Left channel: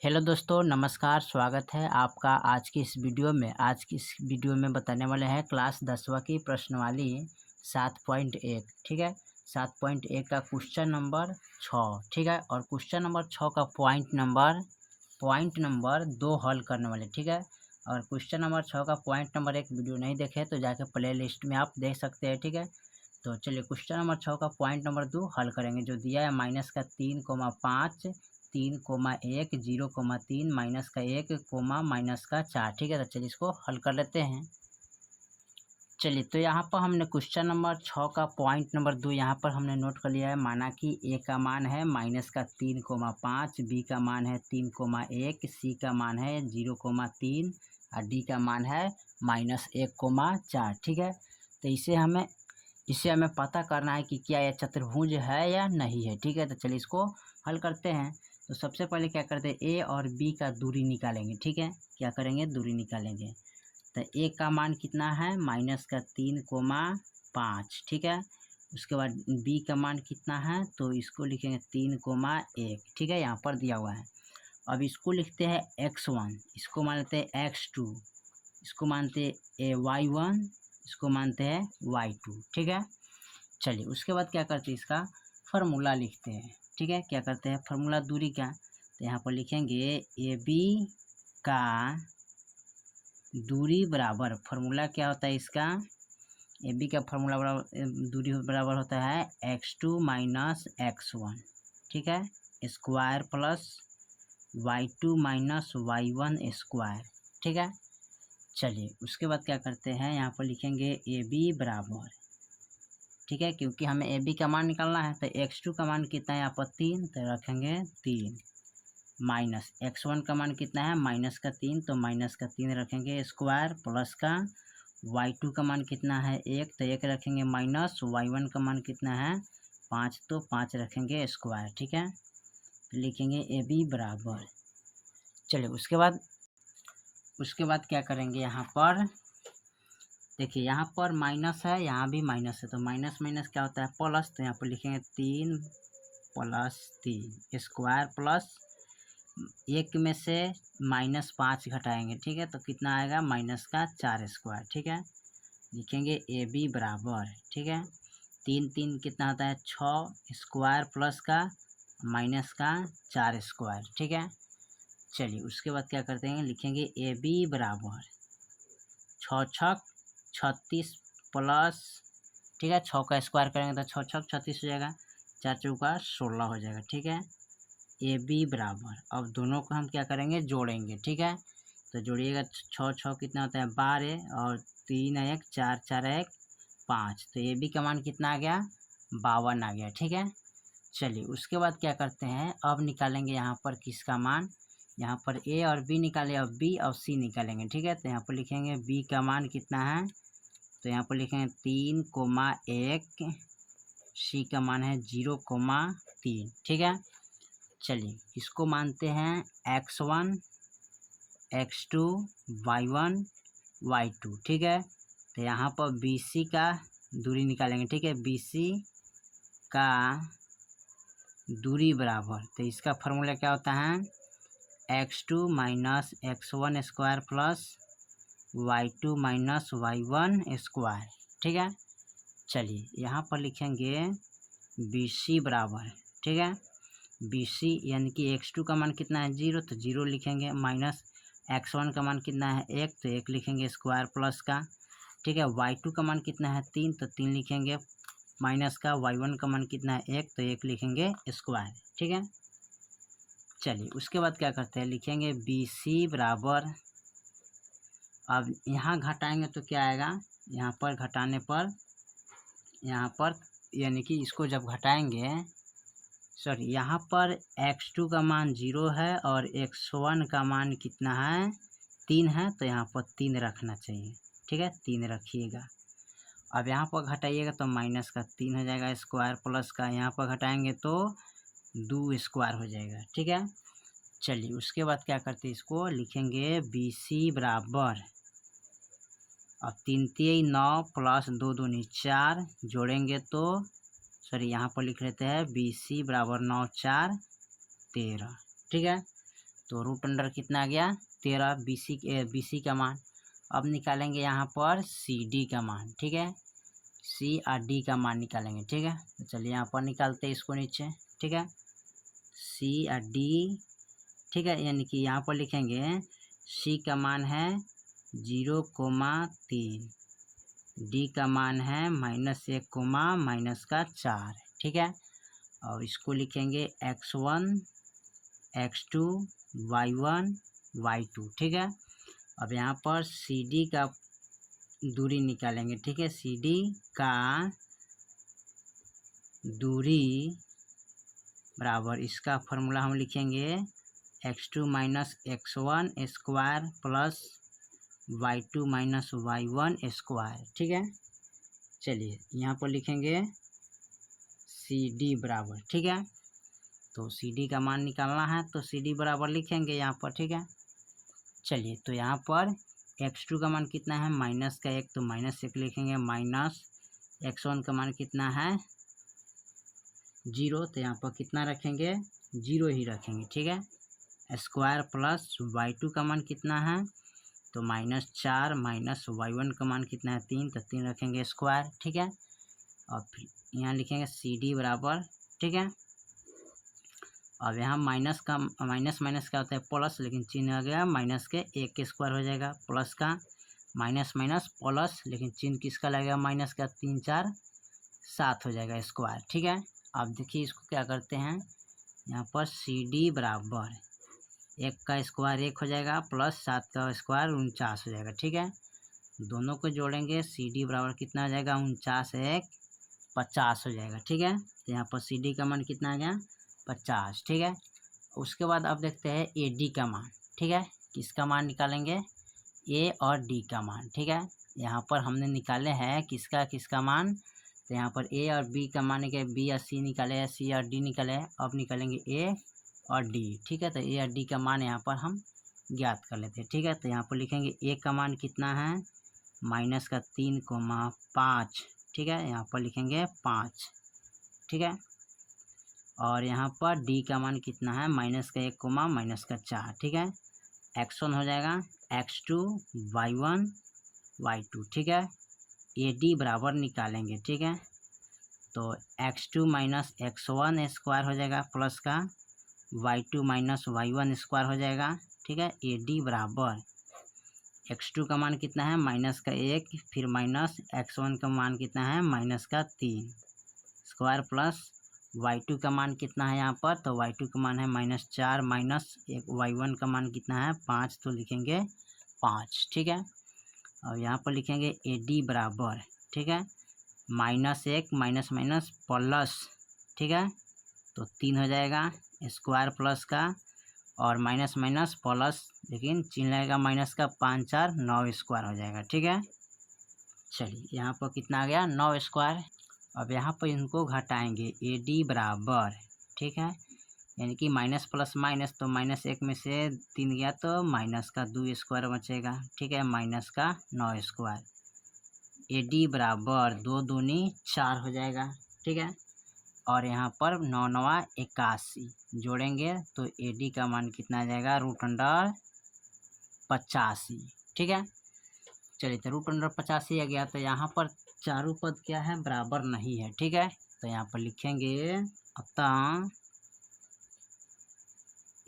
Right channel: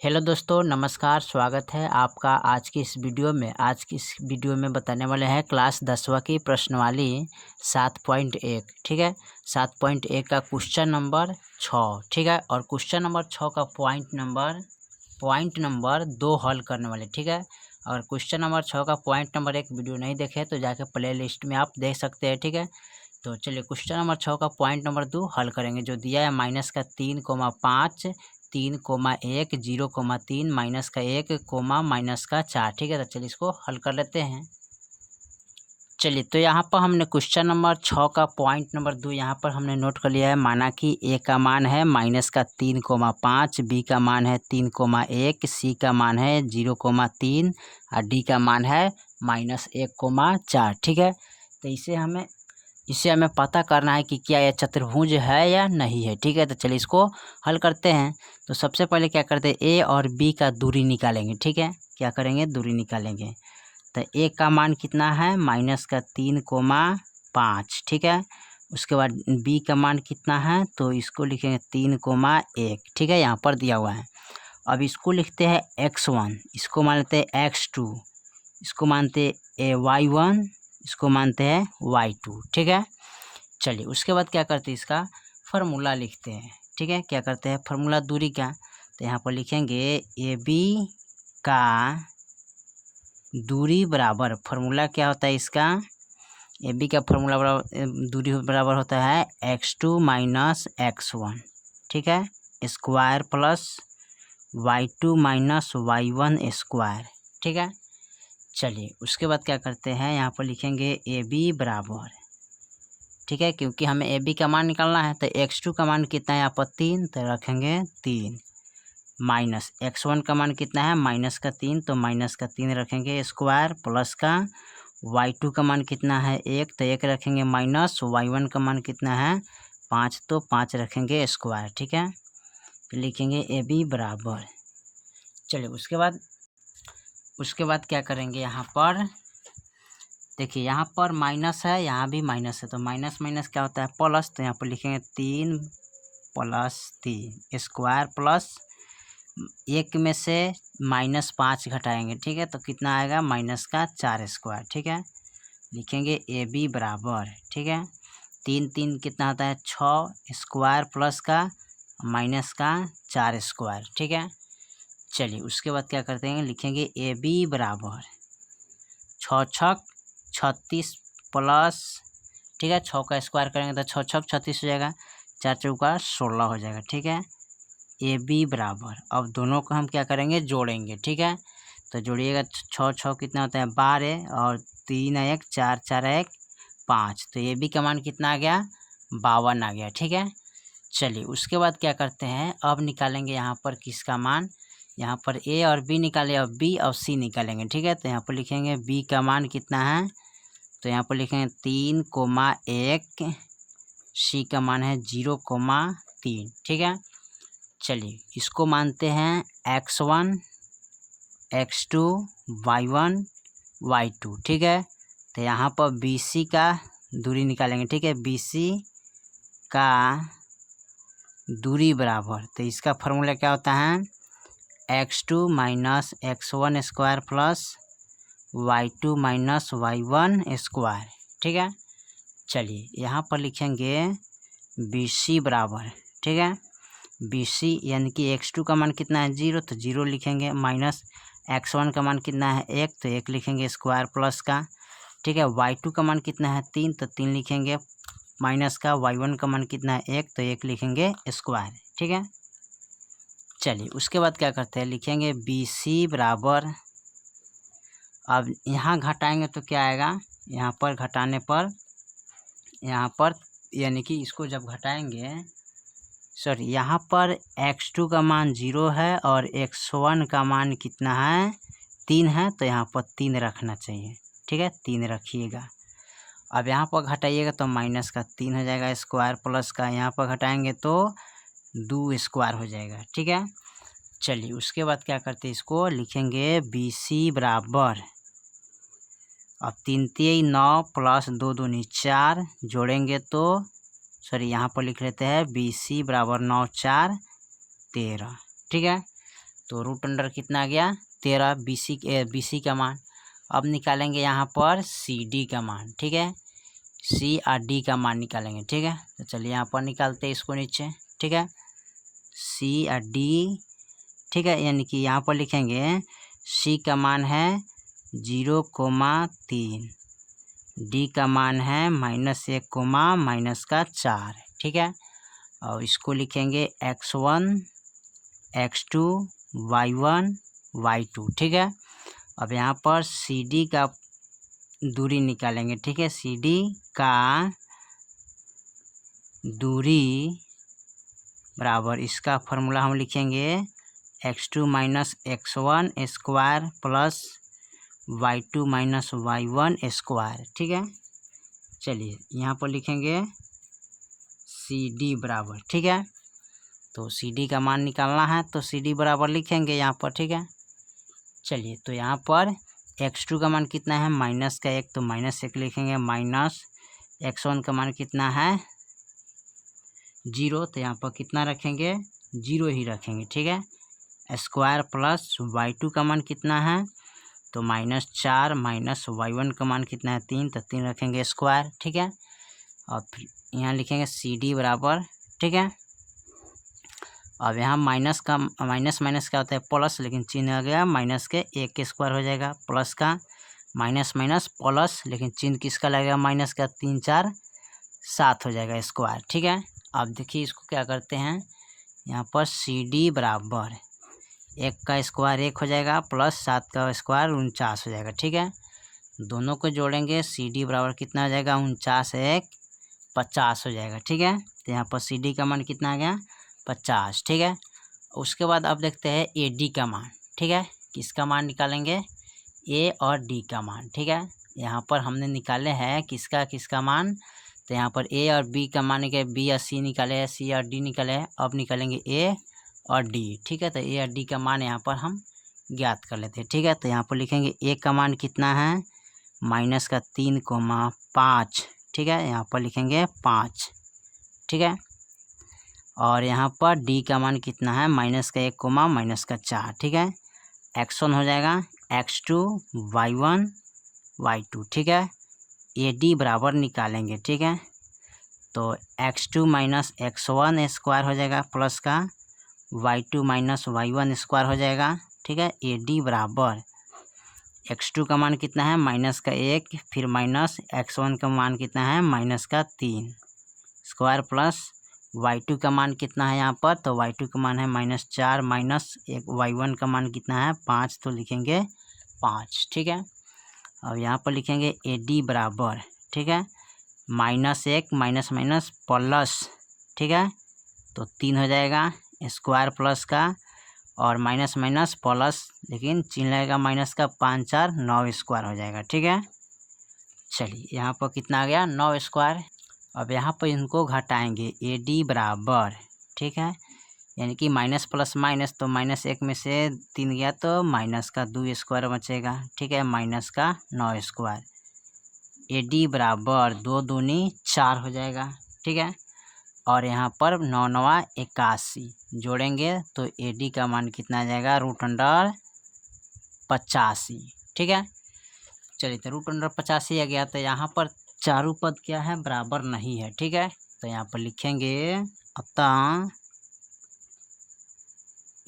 Hello दोस्तों, नमस्कार। स्वागत है आपका आज की इस वीडियो में। आज की इस वीडियो में बताने वाले हैं क्लास 10वीं की प्रश्नवाली 7.1। ठीक है, 7.1 का क्वेश्चन नंबर 6। ठीक है, और क्वेश्चन नंबर 6 का पॉइंट नंबर 2 हल करने वाले। ठीक है, अगर क्वेश्चन नंबर 6 का पॉइंट नंबर 1 वीडियो नहीं देखे तो जाके प्ले लिस्ट में आप देख सकते हैं। ठीक है, तो चलिए क्वेश्चन नंबर 6 का पॉइंट नंबर 2 हल करेंगे। जो दिया है -3,5 3,1 0,3 -1 -4। ठीक है, तो चलिए इसको हल कर लेते हैं। चलिए, तो यहाँ पर हमने क्वेश्चन नंबर 6 का पॉइंट नंबर 2 यहाँ पर हमने नोट कर लिया है। माना कि ए का मान है -3,5, बी का मान है 3,1, सी का मान है 0,3 और डी का मान है -1,4। ठीक है, तो इसे हमें पता करना है कि क्या यह चतुर्भुज है या नहीं है। ठीक है, तो चलिए इसको हल करते हैं। तो सबसे पहले क्या करते हैं, ए और बी का दूरी निकालेंगे। ठीक है, क्या करेंगे, दूरी निकालेंगे। तो ए का मान कितना है, -3,5। ठीक है, उसके बाद बी का मान कितना है, तो इसको लिखेंगे 3,1। ठीक है, यहाँ पर दिया हुआ है। अब इसको लिखते हैं x1, इसको मान लेते हैं x2, इसको मानते हैं y1, इसको मानते हैं y2। ठीक है, चलिए उसके बाद क्या करते हैं, इसका फार्मूला लिखते हैं। ठीक है, क्या करते हैं, फार्मूला दूरी का। तो यहाँ पर लिखेंगे ए बी का दूरी बराबर, फार्मूला क्या होता है इसका, ए बी का फार्मूला बराबर दूरी बराबर होता है x2 - x1। ठीक है, square plus y2 - y1 square. ठीक है, चलिए उसके बाद क्या करते हैं, यहाँ पर लिखेंगे ए बी बराबर। ठीक है, क्योंकि हमें ए बी का मान निकालना है, तो x2 का मान कितना है यहाँ पर 3, तो रखेंगे 3, माइनस x1 का मान कितना है -3, तो -3 रखेंगे स्क्वायर, प्लस का y2 का मान कितना है 1, तो 1 रखेंगे माइनस, y1 का मान कितना है 5, तो 5 रखेंगे स्क्वायर। ठीक है, तो लिखेंगे ए बी बराबर। चलिए उसके बाद क्या करेंगे, यहाँ पर देखिए, यहाँ पर माइनस है, यहाँ भी माइनस है, तो माइनस माइनस क्या होता है प्लस, तो यहाँ पर लिखेंगे 3 + 3 स्क्वायर प्लस 1 में से -5 घटाएंगे। ठीक है, तो कितना आएगा -4 स्क्वायर। ठीक है, लिखेंगे ए बी बराबर। ठीक है, 3 3 कितना होता है 6 स्क्वायर प्लस का -4 स्क्वायर। ठीक है, चलिए उसके बाद क्या करते हैं, लिखेंगे ए बी बराबर 6 छक 36 प्लस, ठीक है 6 का स्क्वायर करेंगे तो 6 छक 36 हो जाएगा, 4 चौका 16 हो जाएगा। ठीक है, ए बी बराबर, अब दोनों को हम क्या करेंगे, जोड़ेंगे। ठीक है, तो जोड़िएगा 6 6 कितना होता है 12 और 3 1 4 4 1 5, तो ए बी का मान कितना आ गया 52 आ गया। ठीक है, चलिए उसके बाद क्या करते हैं, अब निकालेंगे यहाँ पर किसका मान, यहाँ पर ए और बी निकाले और बी और सी निकालेंगे। ठीक है, तो यहाँ पर लिखेंगे बी का मान कितना है, तो यहाँ पर लिखेंगे 3,1, सी का मान है 0,3। ठीक है, चलिए इसको मानते हैं x1 x2 y1 y2। ठीक है, तो यहाँ पर BC का दूरी निकालेंगे। ठीक है, BC का दूरी बराबर, तो इसका फार्मूला क्या होता है x2 - x1 square plus y2 - y1 square. ठीक है, चलिए यहाँ पर लिखेंगे BC बराबर। ठीक है, BC यानी कि x2 का मान कितना है 0, तो 0 लिखेंगे, माइनस x1 का मान कितना है 1, तो 1 लिखेंगे स्क्वायर प्लस का। ठीक है, y2 का मान कितना है 3, तो 3 लिखेंगे, माइनस का y1 का मान कितना है 1, तो 1 लिखेंगे स्क्वायर। ठीक है, चलिए उसके बाद क्या करते हैं, लिखेंगे BC बराबर, अब यहाँ घटाएंगे तो क्या आएगा, यहाँ पर घटाने पर, यहाँ पर यानी कि इसको जब घटाएंगे, सॉरी यहाँ पर x2 का मान 0 है और x1 का मान कितना है 3 है, तो यहाँ पर 3 रखना चाहिए। ठीक है, 3 रखिएगा। अब यहाँ पर घटाइएगा तो -3 हो जाएगा स्क्वायर प्लस का, यहाँ पर घटाएंगे तो 2 स्क्वायर हो जाएगा। ठीक है, चलिए उसके बाद क्या करते हैं, इसको लिखेंगे BC बराबर, अब 3 3 9 प्लस 2 2 4 जोड़ेंगे तो, सॉरी यहाँ पर लिख लेते हैं BC बराबर 9 4 13। ठीक है, तो रूट अंडर कितना आ गया 13 BC का मान। अब निकालेंगे यहाँ पर CD का मान, ठीक है, C और D का मान निकालेंगे, ठीक है। तो चलिए यहाँ पर निकालते हैं इसको नीचे, ठीक है, C और D, ठीक है, यानी कि यहाँ पर लिखेंगे C का मान है 0,3, D का मान है -1, -4, ठीक है। और इसको लिखेंगे x1, x2, y1, y2, ठीक है। अब यहाँ पर CD का दूरी निकालेंगे, ठीक है, CD का दूरी बराबर इसका फॉर्मूला हम लिखेंगे x2 - x1 square plus y2 - y1 square, ठीक है। चलिए यहाँ पर लिखेंगे CD बराबर, ठीक है, तो CD का मान निकालना है तो CD बराबर लिखेंगे यहाँ पर, ठीक है। चलिए तो यहाँ पर x2 का मान कितना है -1, तो -1 लिखेंगे, माइनस x1 का मान कितना है 0, तो यहाँ पर कितना रखेंगे 0 ही रखेंगे, ठीक है। स्क्वायर प्लस y2 का मान कितना है तो -4, माइनस y1 का मान कितना है 3, तो 3 रखेंगे स्क्वायर, ठीक है। और फिर यहाँ लिखेंगे CD बराबर, ठीक है। अब यहाँ माइनस क्या होता है प्लस, लेकिन चिन्ह आ गया माइनस के 1 के स्क्वायर हो जाएगा, प्लस का माइनस प्लस, लेकिन चिन्ह किसका लगेगा माइनस का, 3 4 7 हो जाएगा स्क्वायर, ठीक है। अब देखिए इसको क्या करते हैं, यहाँ पर CD बराबर 1 का स्क्वायर 1 हो जाएगा, प्लस 7 का स्क्वायर 49 हो जाएगा, ठीक है। दोनों को जोड़ेंगे CD बराबर कितना हो जाएगा 49 1 50 हो जाएगा, ठीक है। तो यहाँ पर CD का मान कितना आ गया 50, ठीक है। उसके बाद अब देखते हैं AD का मान, ठीक है, किसका मान निकालेंगे A और D का मान, ठीक है। यहाँ पर हमने निकाले हैं किसका मान, तो यहाँ पर A और B का मान के B और C निकाले हैं, C और D निकाले हैं, अब निकालेंगे A और D, ठीक है। तो A और D का मान यहाँ पर हम ज्ञात कर लेते हैं, ठीक है। तो यहाँ पर लिखेंगे A का मान कितना है -3,5, ठीक है, यहाँ पर लिखेंगे 5, ठीक है। और यहाँ पर D का मान कितना है -1, -4, ठीक है। x1 हो जाएगा x2, y1, y2, ठीक है। AD बराबर निकालेंगे, ठीक है, तो x2 - x1 स्क्वायर हो जाएगा, प्लस का y2 - y1 स्क्वायर हो जाएगा, ठीक है। AD बराबर x2 का मान कितना है -1, फिर माइनस x1 का मान कितना है -3 स्क्वायर, प्लस y2 का मान कितना है यहाँ पर, तो y2 का मान है -4, माइनस y1 का मान कितना है 5, तो लिखेंगे 5, ठीक है। अब यहाँ पर लिखेंगे AD बराबर, ठीक है, -1 माइनस प्लस, ठीक है, तो 3 हो जाएगा स्क्वायर, प्लस का और माइनस प्लस, लेकिन चिन्ह लगेगा माइनस का, 5 4 9 स्क्वायर हो जाएगा, ठीक है। चलिए यहाँ पर कितना आ गया 9 स्क्वायर। अब यहाँ पर इनको घटाएंगे AD बराबर, ठीक है, यानी कि माइनस प्लस माइनस, तो -1 में से 3 गया तो माइनस का 2 स्क्वायर बचेगा, ठीक है, माइनस का 9 स्क्वायर। AD बराबर 2 दूनी 4 हो जाएगा, ठीक है। और यहाँ पर 9 9 81 जोड़ेंगे तो AD का मान कितना आ जाएगा √85, ठीक है। चलिए तो √85 आ गया, तो यहाँ पर चारों पद क्या है बराबर नहीं है, ठीक है। तो यहाँ पर लिखेंगे अतः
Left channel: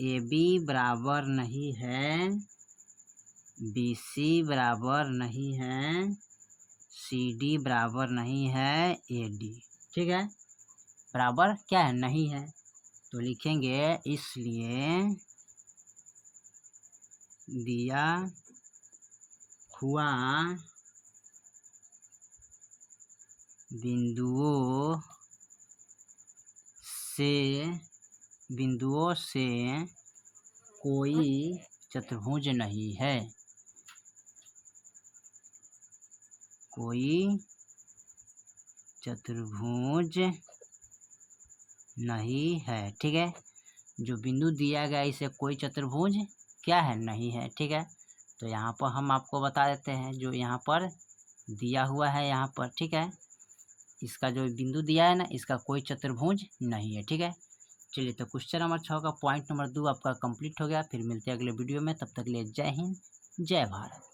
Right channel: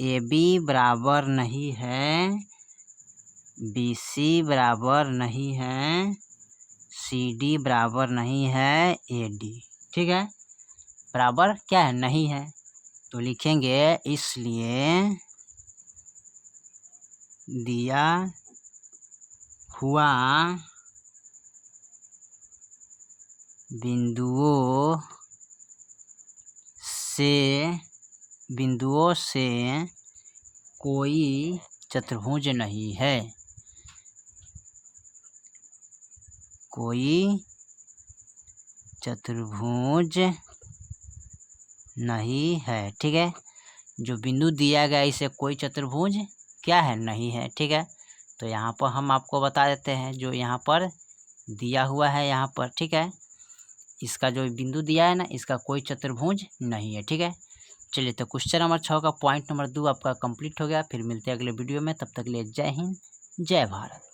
AB बराबर नहीं है, BC बराबर नहीं है, CD बराबर नहीं है AD, ठीक है, बराबर क्या है नहीं है, तो लिखेंगे इसलिए दिया हुआ बिंदुओं से कोई चतुर्भुज नहीं है, कोई चतुर्भुज नहीं है, ठीक है। जो बिंदु दिया गया इसे कोई चतुर्भुज क्या है नहीं है, ठीक है। तो यहाँ पर हम आपको बता देते हैं जो यहाँ पर दिया हुआ है यहाँ पर, ठीक है, इसका जो बिंदु दिया है ना इसका कोई चतुर्भुज नहीं है, ठीक है। चलिए तो क्वेश्चन नंबर 6 का पॉइंट नंबर 2 आपका कंप्लीट हो गया। फिर मिलते हैं अगले वीडियो में, तब तक के लिए जय हिंद जय भारत।